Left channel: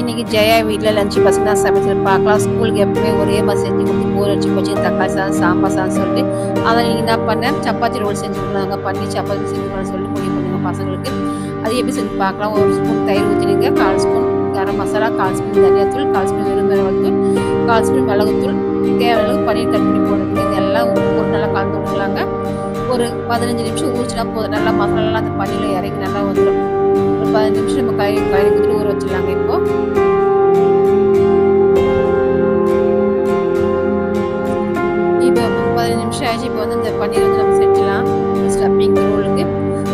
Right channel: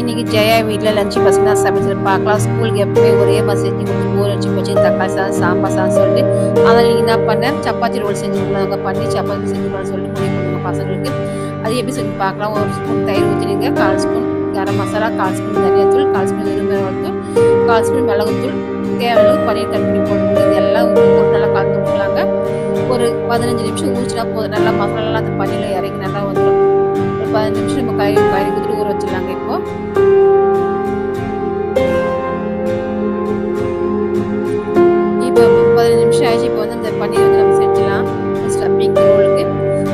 இன்னைக்கு ஜெயா வீட்டில் லஞ்சு பசங்க தான் சமைச்சிட்டு பார்க்கலாம். ஸ்கூலுக்கு எப்பவுமே ஒரே மாதிரி செஞ்சு கொடுத்து போர் வச்சு போச்சு. தக்காளி சாதம் சாம்பார் சாதம் சொல்லிட்டு. அதை நீங்கள் என்ன பண்ணேன். சப்பாத்தி ரோல் செஞ்சு கொடுக்கலாங்க பண்ணி சப்பாத்தி செஞ்சு கொடுக்கலாம்னு சொல்லிட்டு முடிவு பண்ணுங்க பசங்களுக்கு. அது எப்படி செஞ்சு பார்க்கலாம். ஒரு ஸ்பூன் தயிர் ஊற்றிடுங்க கால் ஸ்பூன் கரம் மசாலா கால் ஸ்பூன் தனியாத்தூள் கால் ஸ்பூன் வெறுமிளகாத்தூள் கால் ஸ்பூன் மிளகுத்தூள். தேவையான பன்னீர் கட் பண்ணி போடுங்க எல்லாம் உப்பு நல்லா கலந்து விட்டுலாங்க ஒரு பதினஞ்சு நிமிஷம் ஊற்றினா போதும். நல்லா மசாலாலாம் அந்த பன்னீரில் இறங்கி நல்லா வந்துடும் பதினஞ்சு நிமிஷம் நம்ம கறி கறி கொடுத்துட்டு ஊற வச்சிடலாங்க இப்போ. இப்போ பதினஞ்சு நிமிஷம் ஆயிடுச்சு இப்போ வந்து இந்த பன்னீர் வந்து நம்ம செஞ்சிடலாம் ஸ்டப்பிங் ரோலுக்கு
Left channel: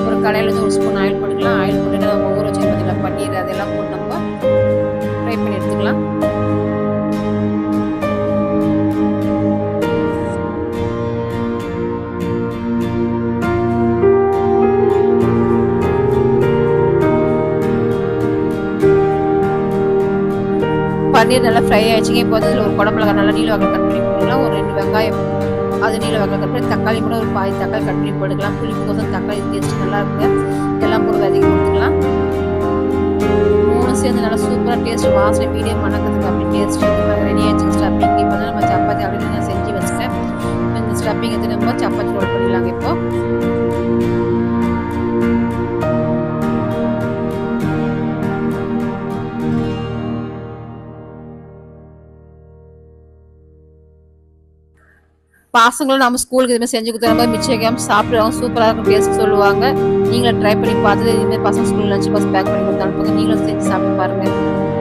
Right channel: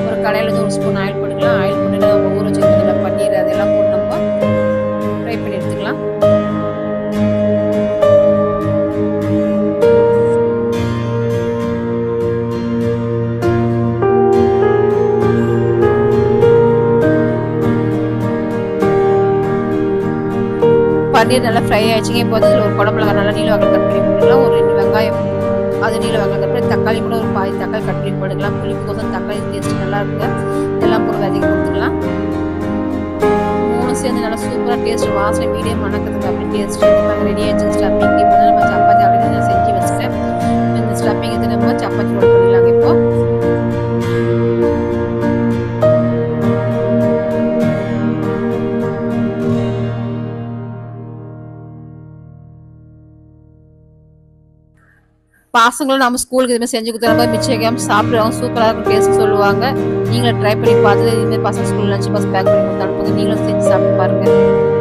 ஒரு கடையில் வந்து ஒரு ஸ்பூன் ஆயில் போட்டுக்கலாம் ஆயில் போட்டுட்டு நம்ம ஊற வச்சு பார்த்தீங்கன்னா பன்னீர் அதெல்லாம் போட்டு நம்ம ஃப்ரை பண்ணி எடுத்துக்கலாம். பன்னீர் நல்லா ஃப்ரை ஆயிடுச்சுங்க. இப்போ வந்து இதில் ஒரு குடமிளகா நல்லா நீல வகை கட் பண்ணி போட்டுக்கலாம். ஒரு ரெண்டு வெங்காயம் அது நீல வகை கட் பண்ணி தக்காளி கூட ஒரு பாதி தக்காளி கட் பண்ணி போட்டுக்கலாம். புளிப்பு கோசம் தக்காளி டேஸ்ட் நல்லா இருக்குங்க. இதெல்லாம் போட்டு விதைக்கு கொடுத்துக்கலாம். மூணு சேர்ந்து நல்லா சூப்பராக டேஸ்ட் வாசனை மீடியம் மணக்கிறதுக்கு அப்படி டேஸ்ட் இந்த மாதிரி ரெடி ஆயிடுச்சு. ஸ்டப்பிங் இப்போ நம்ம சப்பாத்தி ஆல்ரெடி நான் செஞ்சு வச்சுட்டேன். இந்த ஸ்டப்பிங் எடுத்து நம்ம சப்பாத்தி ரோல் பண்ணிடலாங்க இப்போது பசங்களும் நம்ம ஸ்கூலுக்கு இதுமாதிரி செஞ்சு கொடுத்தா மாதிரி மிச்சம் சாப்பிடுவாங்க சூப்பராக இருக்கும் டேஸ்ட் சொல்லுவாங்க. நீங்களும் ட்ரை பண்ணி பார்த்துட்டு இதுமாதிரி பசங்க ஸ்கூல் லஞ்ச் பாக்ஸ் பேக் பண்ணி கொடுத்து அனுப்புங்க. நீங்களும் செஞ்சு சாப்பிட்டு பாருங்க.